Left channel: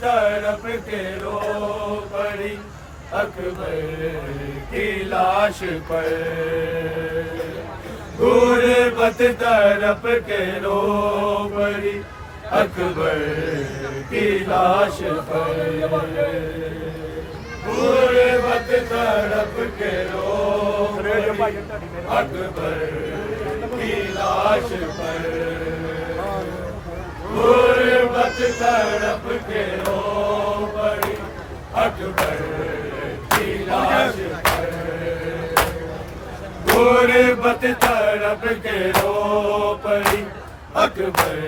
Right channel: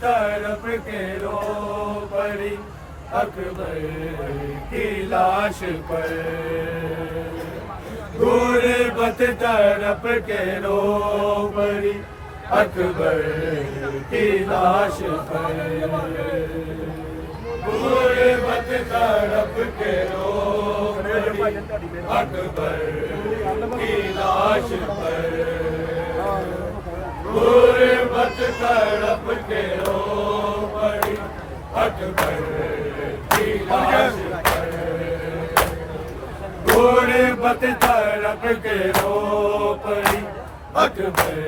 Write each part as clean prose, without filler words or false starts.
तड़प के रो पड़ी अकबर की लाश पर। गुरबत तड़प के रो पड़ी अकबर की लाश पर। गुरबत तड़प के रो पड़ी अकबर की लाश पर। गुरबत तड़प के रो पड़ी अकबर की लाश पर। गुरबत तड़प के रो पड़ी अकबर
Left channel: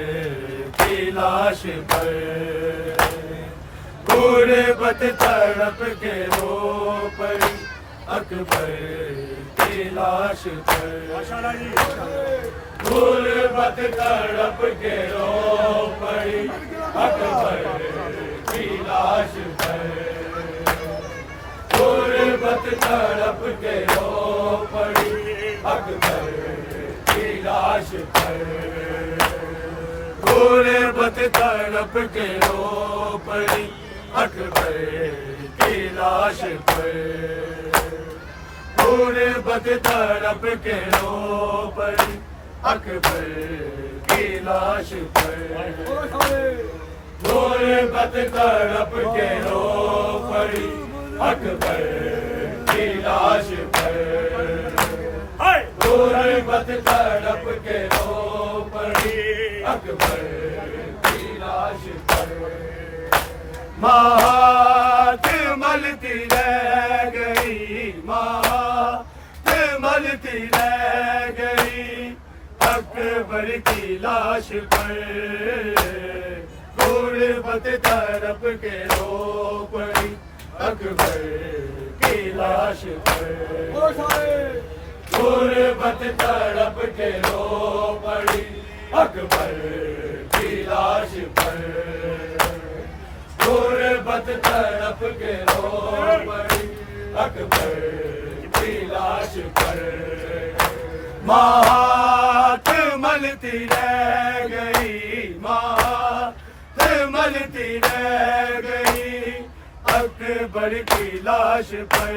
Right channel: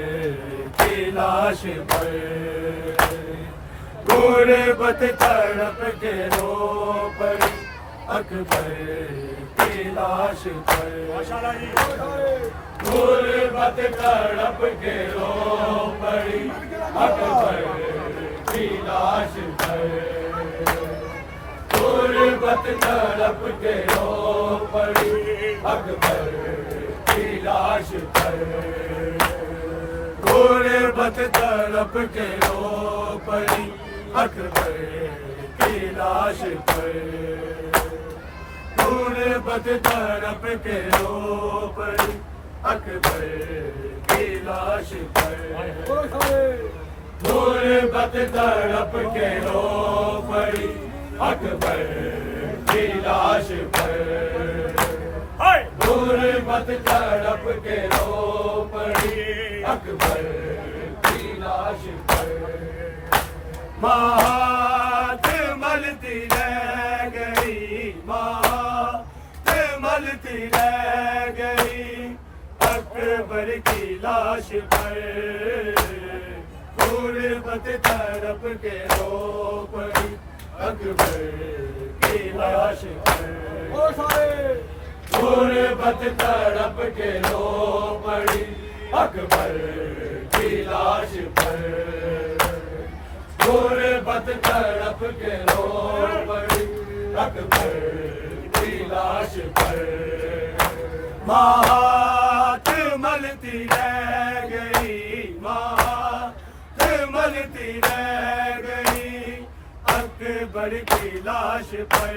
की लाश पर। गुरबत तड़प के रो पड़ी अकबर की लाश पर। गुरबत तड़प के रो पड़ी अकबर की लाश पर। गुरबत तड़प के रो पड़ी अकबर की लाश पर। गुरबत तड़प के रो पड़ी अकबर की लाश पर। गुरबत तड़प के रो पड़ी अकबर की लाश पर। गुरबत तड़प के रो पड़ी अकबर की लाश पर। गुरबत तड़प के रो पड़ी अकबर की लाश पर। मात मलती रह गई, मात मलती रह गई अकबर की लाश पर। गुरबत तड़प के रो पड़ी अकबर की लाश पर। गुरबत तड़प के रो पड़ी अकबर की लाश पर। गुरबत तड़प के रो पड़ी अकबर की लाश पर। मात मलती रह गई, मात मलती रह गई अकबर की लाश पर।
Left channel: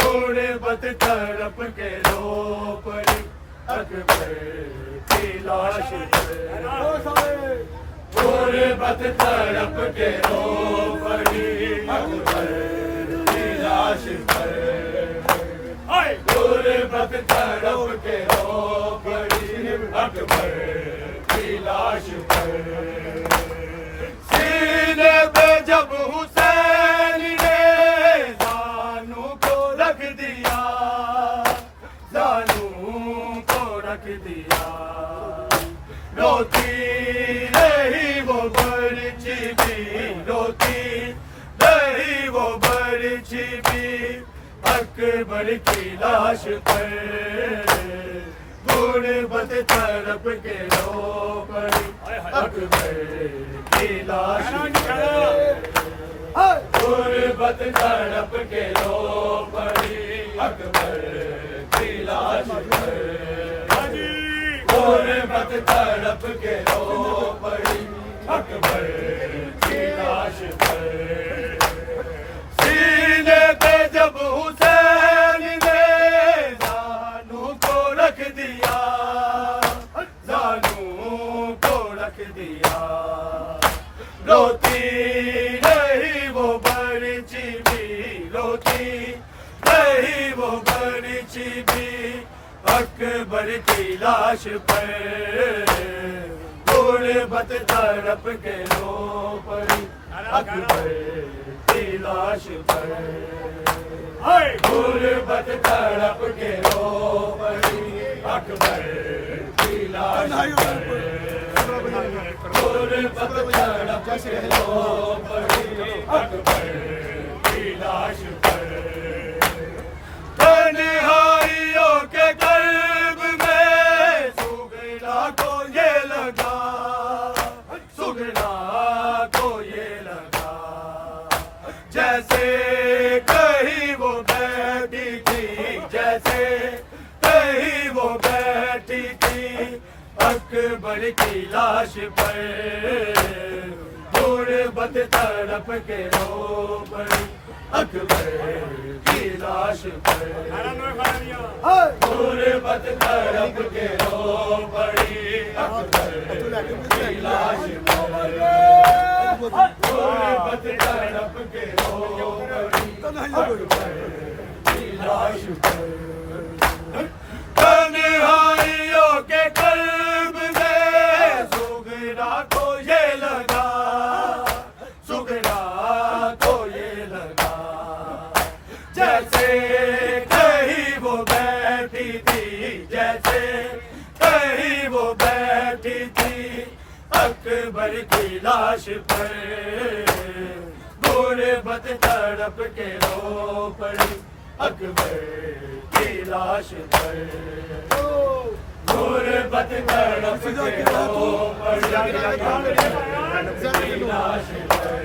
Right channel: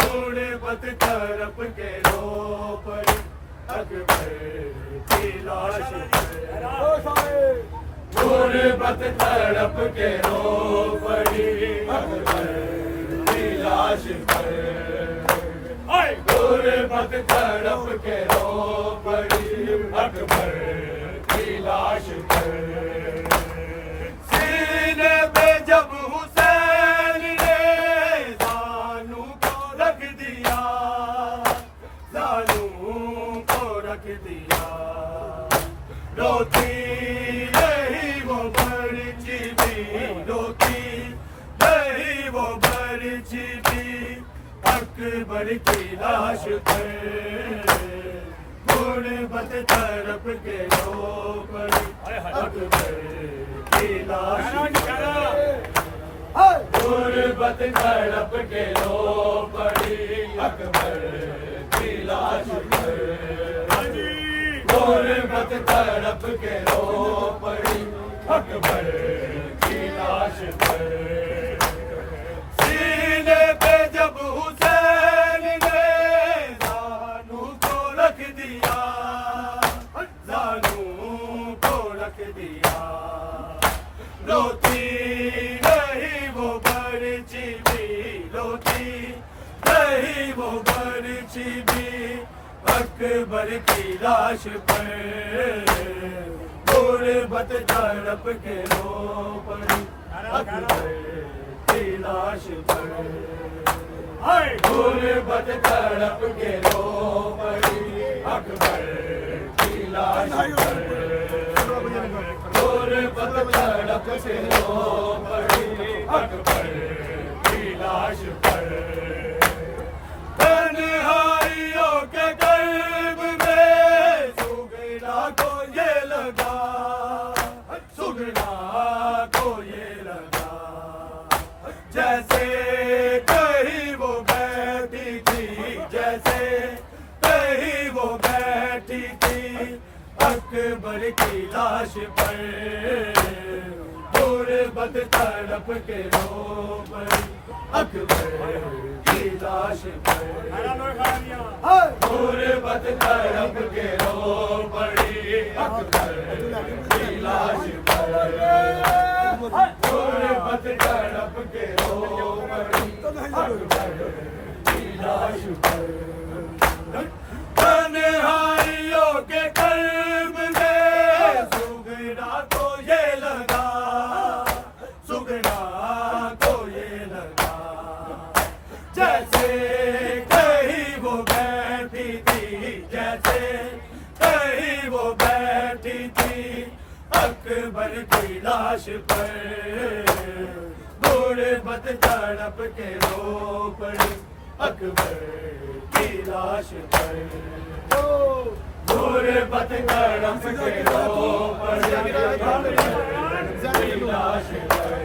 गुरबत तड़प के रो पड़ी अकबर की लाश पर। गुरबत तड़प के रो पड़ी अकबर की लाश पर। गुरबत तड़प के रो पड़ी अकबर की लाश पर। सीने पे जब हुसैन ने जानू को रख दिया, जानू को रख दिया, रोती रही वो बर्ची भी, रोती रही वो बर्ची भी अकबर की लाश पर। गुरबत तड़प के रो पड़ी अकबर की लाश पर। गुरबत तड़प के रो पड़ी अकबर की लाश पर। गुरबत तड़प के रो पड़ी अकबर की लाश पर। सीने पे जब हुसैन ने जानू को रख दिया, जानू को रख दिया, रोती रही वो बर्ची भी, रोती रही वो बर्ची भी अकबर की लाश पर। गुरबत तड़प के रो पड़ी अकबर की लाश पर। गुरबत तड़प के रो पड़ी अकबर की लाश पर। गुरबत तड़प के रो पड़ी अकबर की लाश पर। तन्हाइयों के कर्ब में सुगना को ये लगा, सुगना को ये लगा जैसे कहीं वो बैठी थी, जैसे कहीं वो बैठी थी अकबर की लाश पर। गुरबत तड़प के रो पड़ी अकबर की लाश पर गुरबत तड़प के रो पड़ी अकबर की लाश पर गुरबत तड़प के रो पड़ी अकबर की लाश पर तन्हाइयों के कल्ब में सुगना को ये लगा सुगना को ये लगा जैसे कहीं वो बैठी थी जैसे कहीं वो बैठी थी अकबर की लाश पर गुरबत तड़प के रो पड़ी अकबर की लाश पर गुरबत तड़प के रो पड़ी अकबर की लाश पर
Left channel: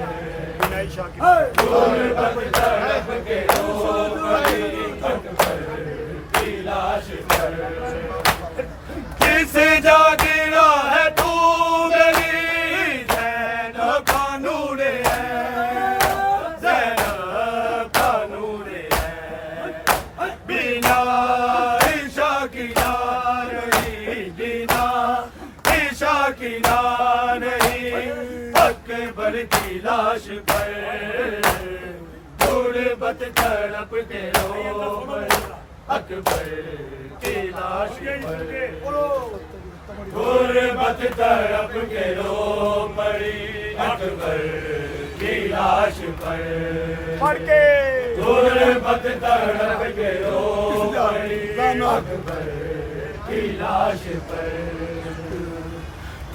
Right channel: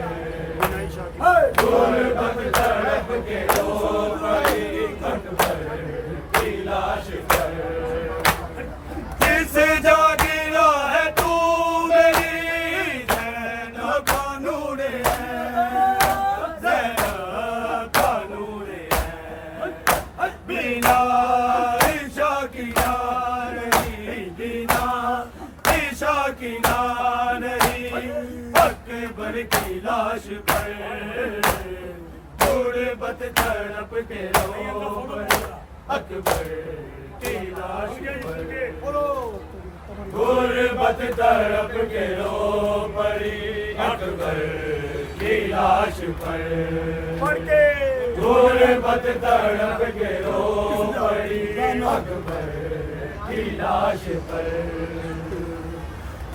गुरबत तड़प के रो पड़ी अकबर की लाश पर किस जागिरा है तू मेरी ज़ैनब का नूर है ज़ैनब का नूर है बिना ईशा की ना नहीं बिना ईशा की ना नहीं अकबर की लाश पर गुरबत तड़प के रो पड़ी अकबर की लाश पर गुरबत तड़प के रो पड़ी अकबर की लाश पर गुरबत तड़प के रो पड़ी अकबर की लाश पर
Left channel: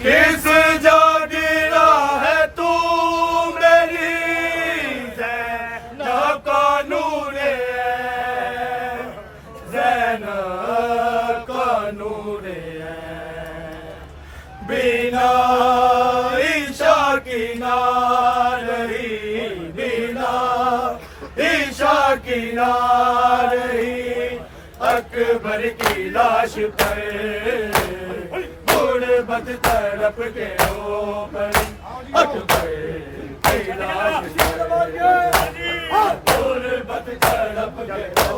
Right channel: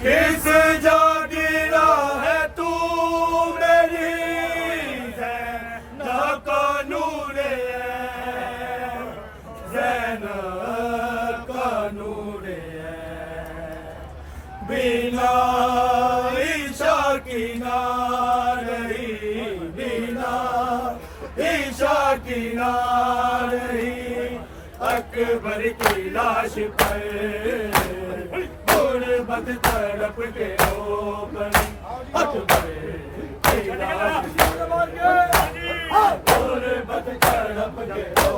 किस जागिरा है तू मेरी ज़ैनब का नूर है ज़ैनब का नूर है बिना ईशा की ना नहीं बिना ईशा की ना नहीं अकबर की लाश पर गुरबत तड़प के रो पड़ी अकबर की लाश गुरबत तड़प के रो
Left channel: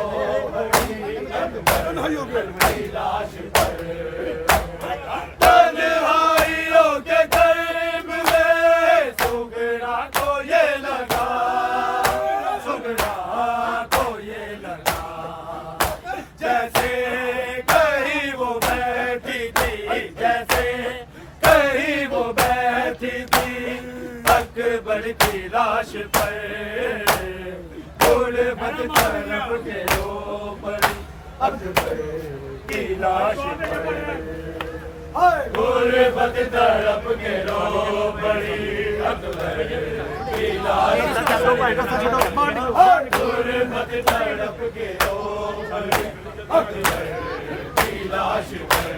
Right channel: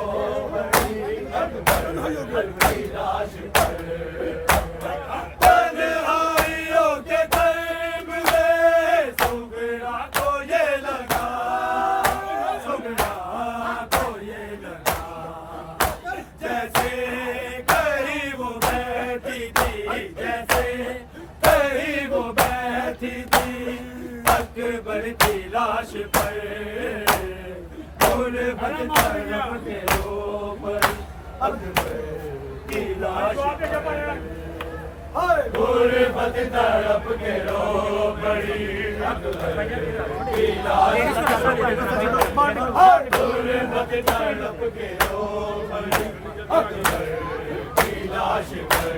पड़ी अकबर की लाश पर तन्हाइयों के कर्म में सुगना को ये लगा सुगना को ये लगा जैसे कहीं वो बैठी थी जैसे कहीं वो बैठी थी अकबर की लाश पर गुरबत तड़प के रो पड़ी अकबर की लाश पर गुरबत तड़प के रो पड़ी अकबर की लाश गुरबत तड़प के रो पड़ी अकबर की लाश पर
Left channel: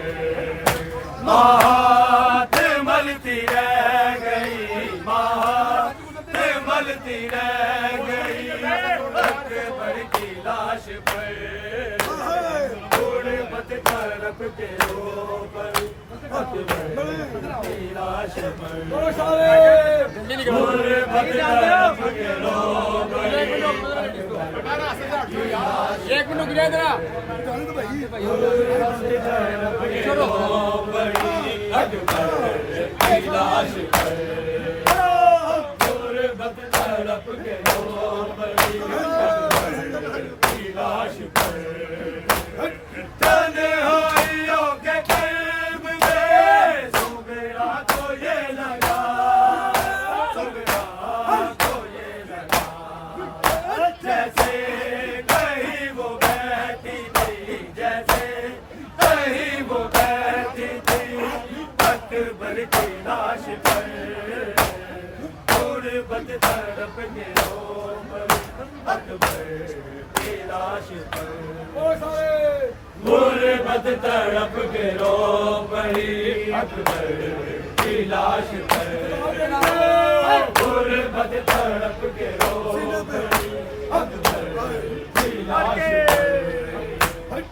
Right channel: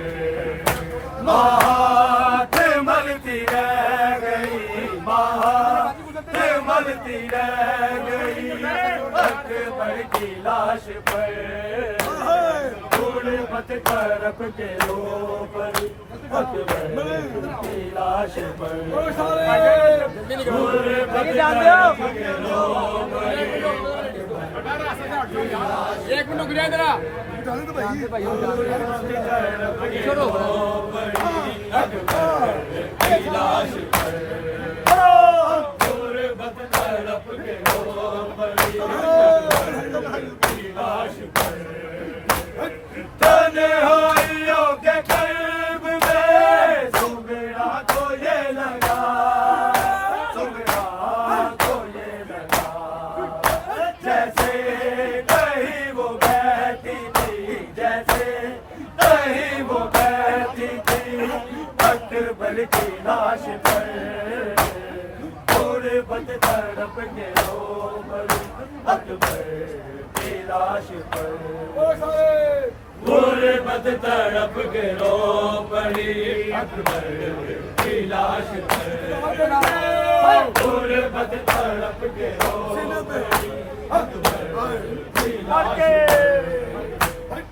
मात मलती रह गई मात मलती रह गई अकबर की लाश पर गुरबत तड़प के रो पड़ी अकबर की लाश पर गुरबत तड़प के रो पड़ी एक मिनट गिरा जरा छोड़ो अकबर की लाश पर गुरबत तड़प के रो पड़ी अकबर की लाश पर तन्हाइयों के कल्ब में सुगना को ये लगा सुगना को ये लगा जैसे कहीं वो बैठी थी जैसे कहीं वो बैठी थी अकबर की लाश पर गुरबत तड़प के रो पड़ी अकबर की लाश पर गुरबत तड़प के रो पड़ी अकबर की लाश पर गुरबत तड़प के रो पड़ी अकबर की लाश पर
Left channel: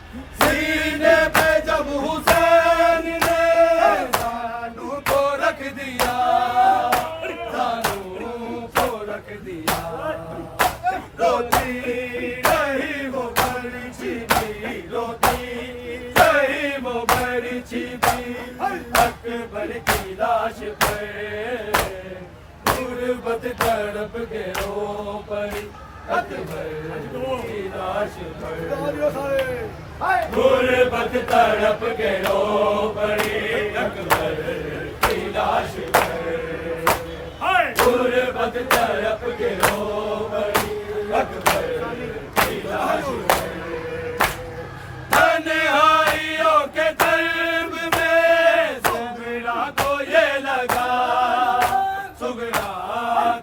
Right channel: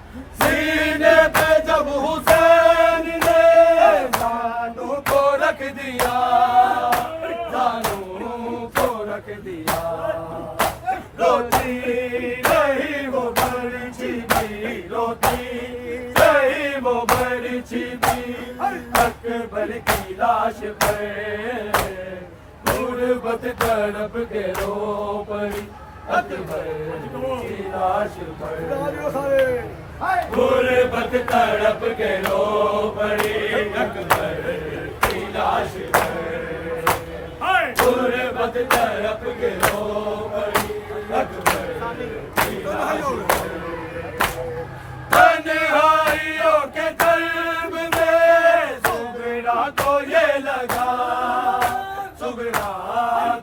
सीने पे जब हुसैन ने जानू को रख दिया जानू रोती रही वो बड़ी छिपी, रोती रही वो बड़ी छिपी, अकबर की लाश पर गुर्बत तड़प के रो पड़ी, अकबर की लाश पर गुर्बत तड़प के रो पड़ी, अकबर की लाश पर गुर्बत तड़प के रो पड़ी, अकबर की लाश पर तन्हाइयों के कल्ब में सुगरा को ये लगा, सुगरा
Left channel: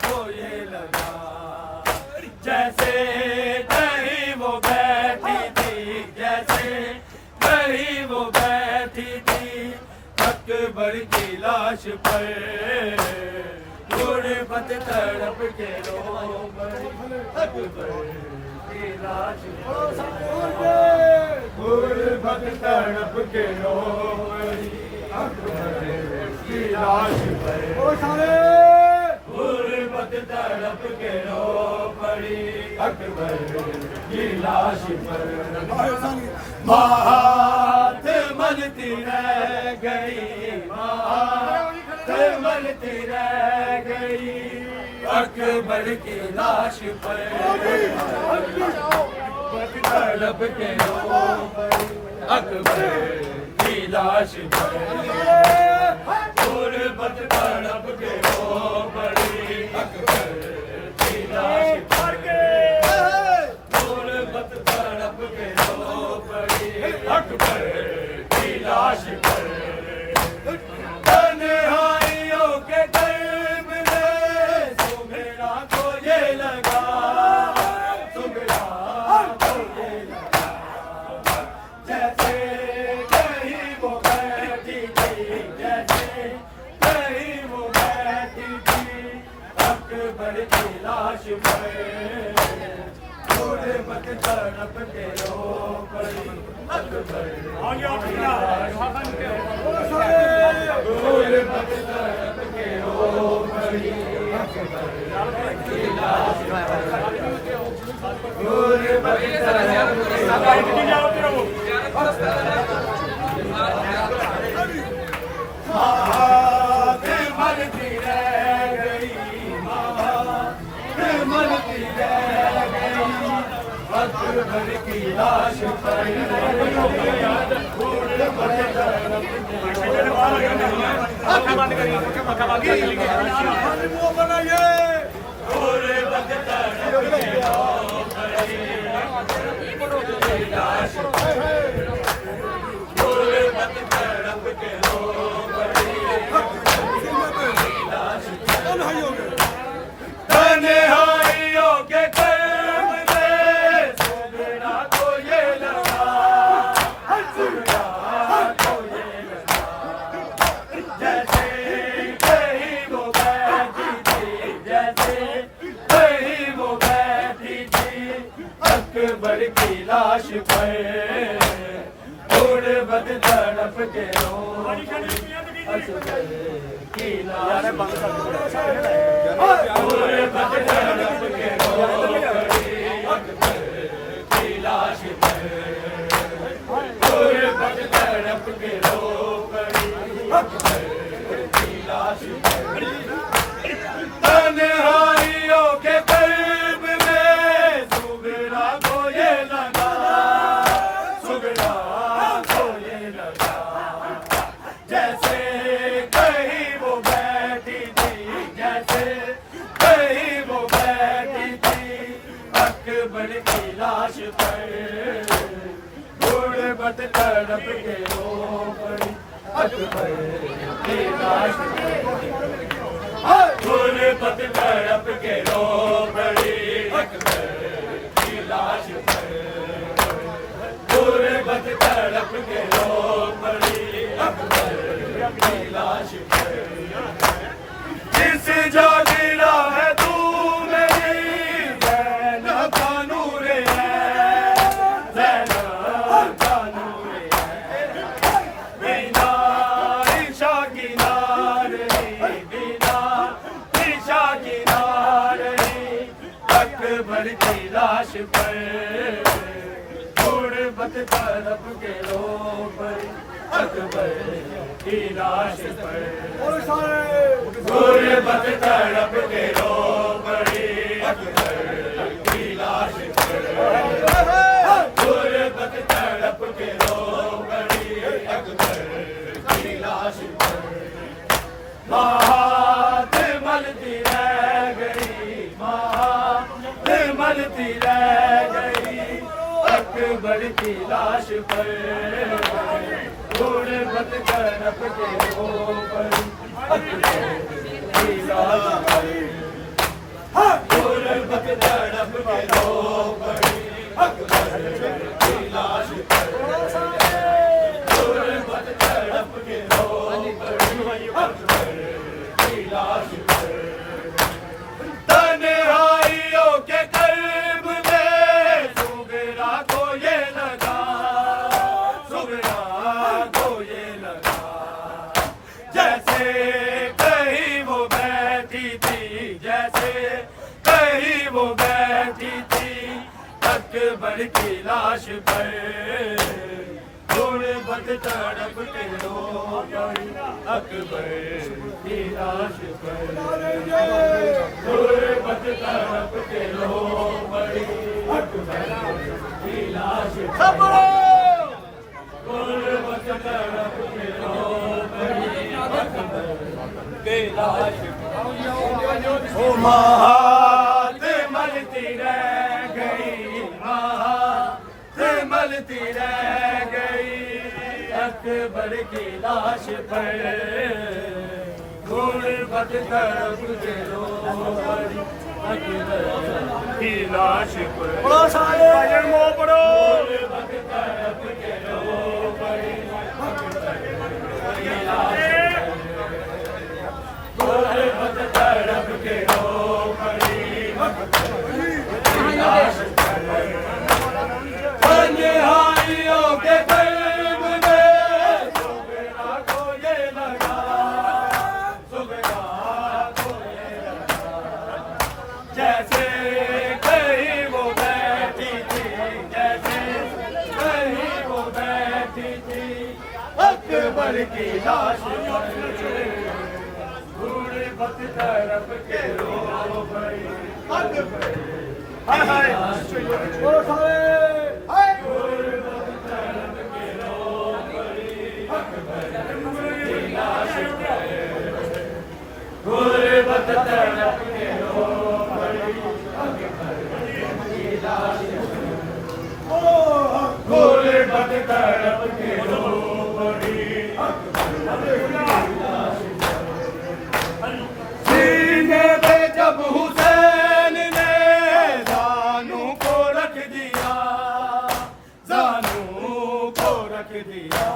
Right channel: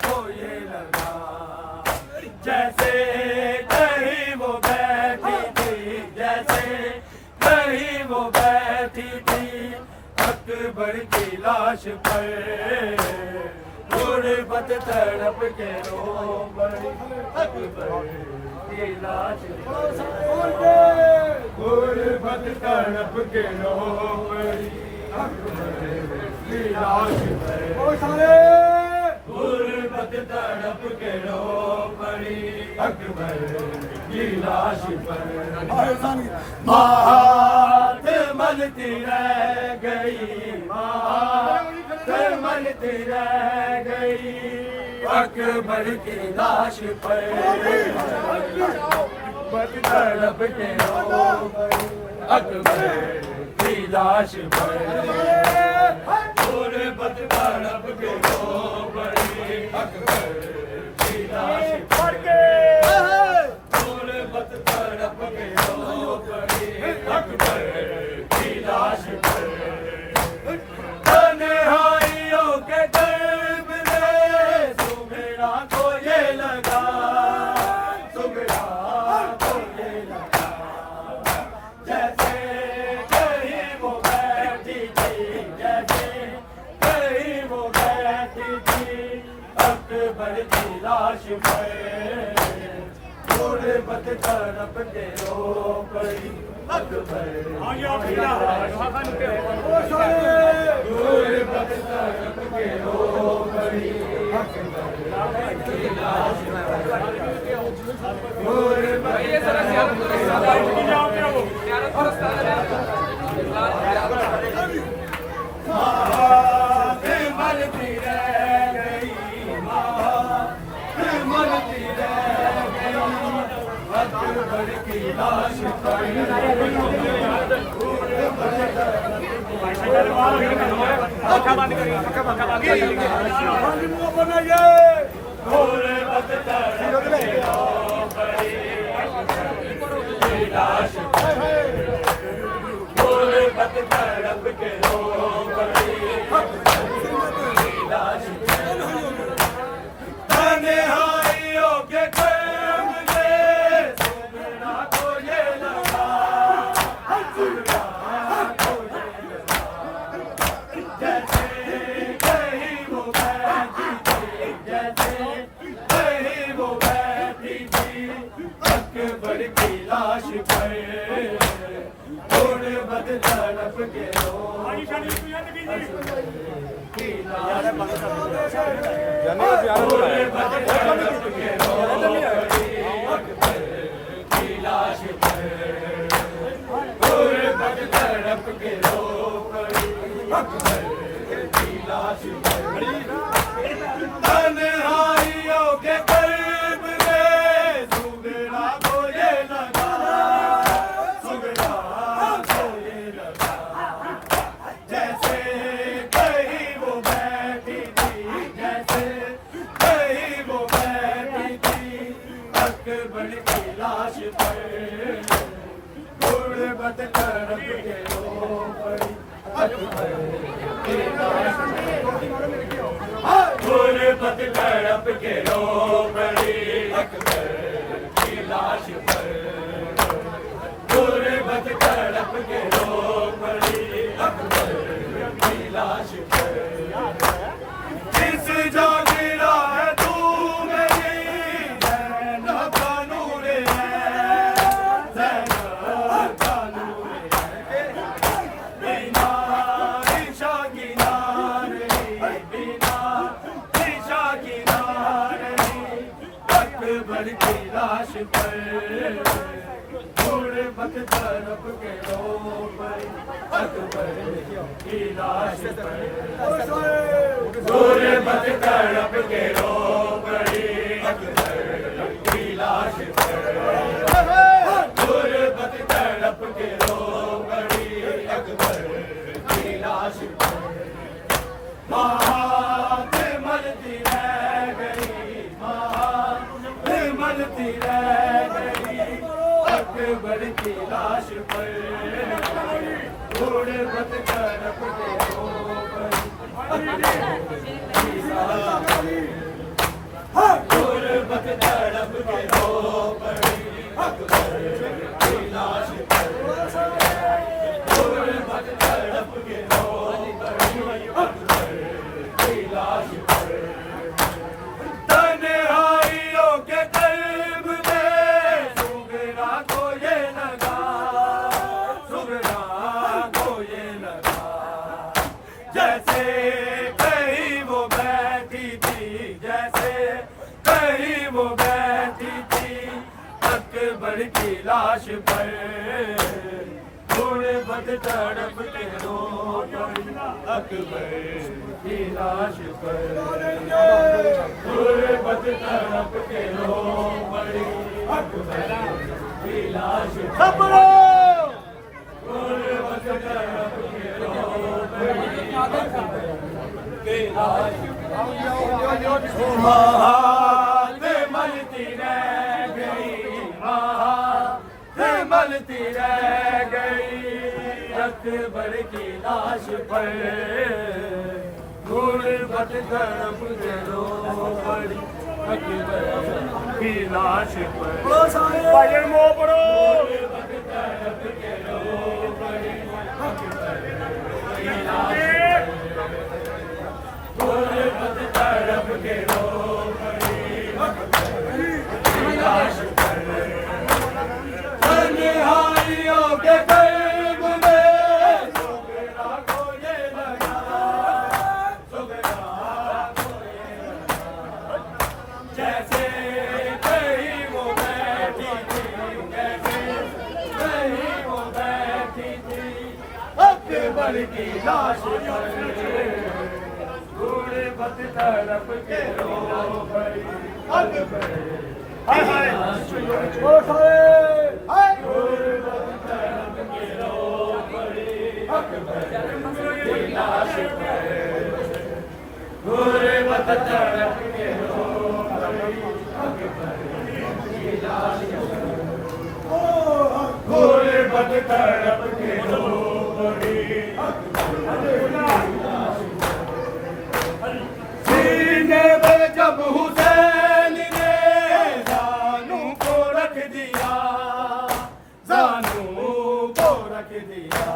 को ये लगा, जैसे कहीं वो बैठी थी, जैसे कहीं वो बैठी थी, अकबर की लाश पर गुर्बत तड़प के रो पड़ी, अकबर की लाश पर गुर्बत तड़प के रो पड़ी, अकबर की लाश पर गुर्बत तड़प के रो पड़ी, अकबर की लाश पर हाथ मलती रह गई, हाथ मलती रह गई, अकबर की लाश पर गुर्बत तड़प के रो पड़ी, अकबर की लाश पर गुर्बत तड़प के रो पड़ी, अकबर की लाश पर गुर्बत तड़प के रो पड़ी, अकबर की लाश पर तन्हाइयों के कल्ब में सुगरा को ये लगा, सुगरा को ये लगा, जैसे कहीं वो बैठी थी, जैसे कहीं वो बैठी थी, अकबर की लाश पर गुर्बत तड़प के रो पड़ी, अकबर गुर्बत तड़प के रो पड़ी, अकबर की लाश पर गुर्बत तड़प के हाथ मलती रह गई, हाथ मलती रह गई, अकबर की लाश पर बंद करिए, पक्का बंद कर लीजिए। तन्हाइयों के कल्ब में सुगरा को ये लगा, सुगरा को ये लगा, जैसे कहीं वो बैठी थी, जैसे कहीं वो बैठी थी, अकबर की लाश पर गुर्बत तड़प के रो की लाश गुर्बत तड़प के रो पड़ी, अकबर की लाश पर गुर्बत तड़प के रो पड़ी, अकबर की लाश पर तन्हाइयों के कल्ब में सुगरा को ये लगा, सुगरा को ये लगा, जैसे कहीं वो बैठी थी, जैसे कहीं वो बैठी थी, अकबर की लाश पर गुर्बत तड़प के रो पड़ी, अकबर की लाश गुर्बत तड़प के रो पड़ी, अकबर की लाश पर गुर्बत तड़प के रो पड़ी, अकबर की लाश पर जिस जो गिरा है तू मेरी ज़ैनब का नूर है, ज़ैनब का नूर है, बिना ईशा की नार नहीं, बिना ईशा की नार नहीं, अकबर की लाश पर गुर्बत तड़प के रो पड़ी अकबर की लाश पर गुर्बत तड़प के रो पड़ी अकबर की लाश पर गुर्बत तड़प के रो पड़ी अकबर की लाश पर महात मलती रह गई महात मलती रह गई अकबर की लाश पर गुर्बत तड़प के रो पड़ी की लाश पर गुर्बत तड़प के रो पड़ी अकबर की लाश पर गुर्बत तड़प के रो पड़ी अकबर की लाश पर तन्हाइयों के कर्ब में सुगरा को ये लगा सुगरा को ये लगा जैसे कहीं वो बैठी थी जैसे कहीं वो बैठी थी अकबर की लाश पर गुर्बत तड़प के रो पड़ी अकबर की लाश पर गुर्बत तड़प के रो पड़ी अकबर की लाश पर गुर्बत तड़प के रो पड़ी अकबर की लाश महात मलती रह गई महात मलती रह गई अकबर की लाश पर गुर्बत तड़प के रो पड़ी अकबर की लाश पर भाईजान मोह पड़ो गुर्बत तड़प के रो पड़ी अकबर की लाश गुर्बत तड़प के रो पड़ी अकबर की लाश पर तन्हाइयों के कर्ब में सुगरा को ये लगा सुगरा को ये लगा जैसे कहीं वो बैठी थी जैसे कहीं वो बैठी थी अकबर की लाश पर गुर्बत तड़प के रो पड़ी अकबर की लाश पर गुर्बत तड़प के रो पड़ी अकबर की लाश पर गुर्बत तड़प के रो पड़ी अकबर की लाश पर गुर्बत तड़प के रो पड़ी अकबर की लाश पर सीने पे जब हुसैन ने जानू को रख दिया जानू को रख दिया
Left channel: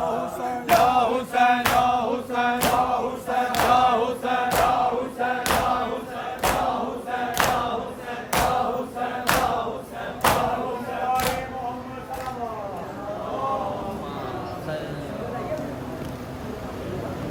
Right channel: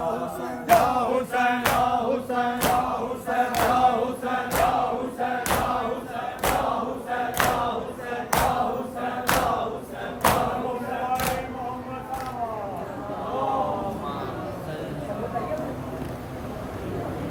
या हुसैन या हुसैन या हुसैन या हुसैन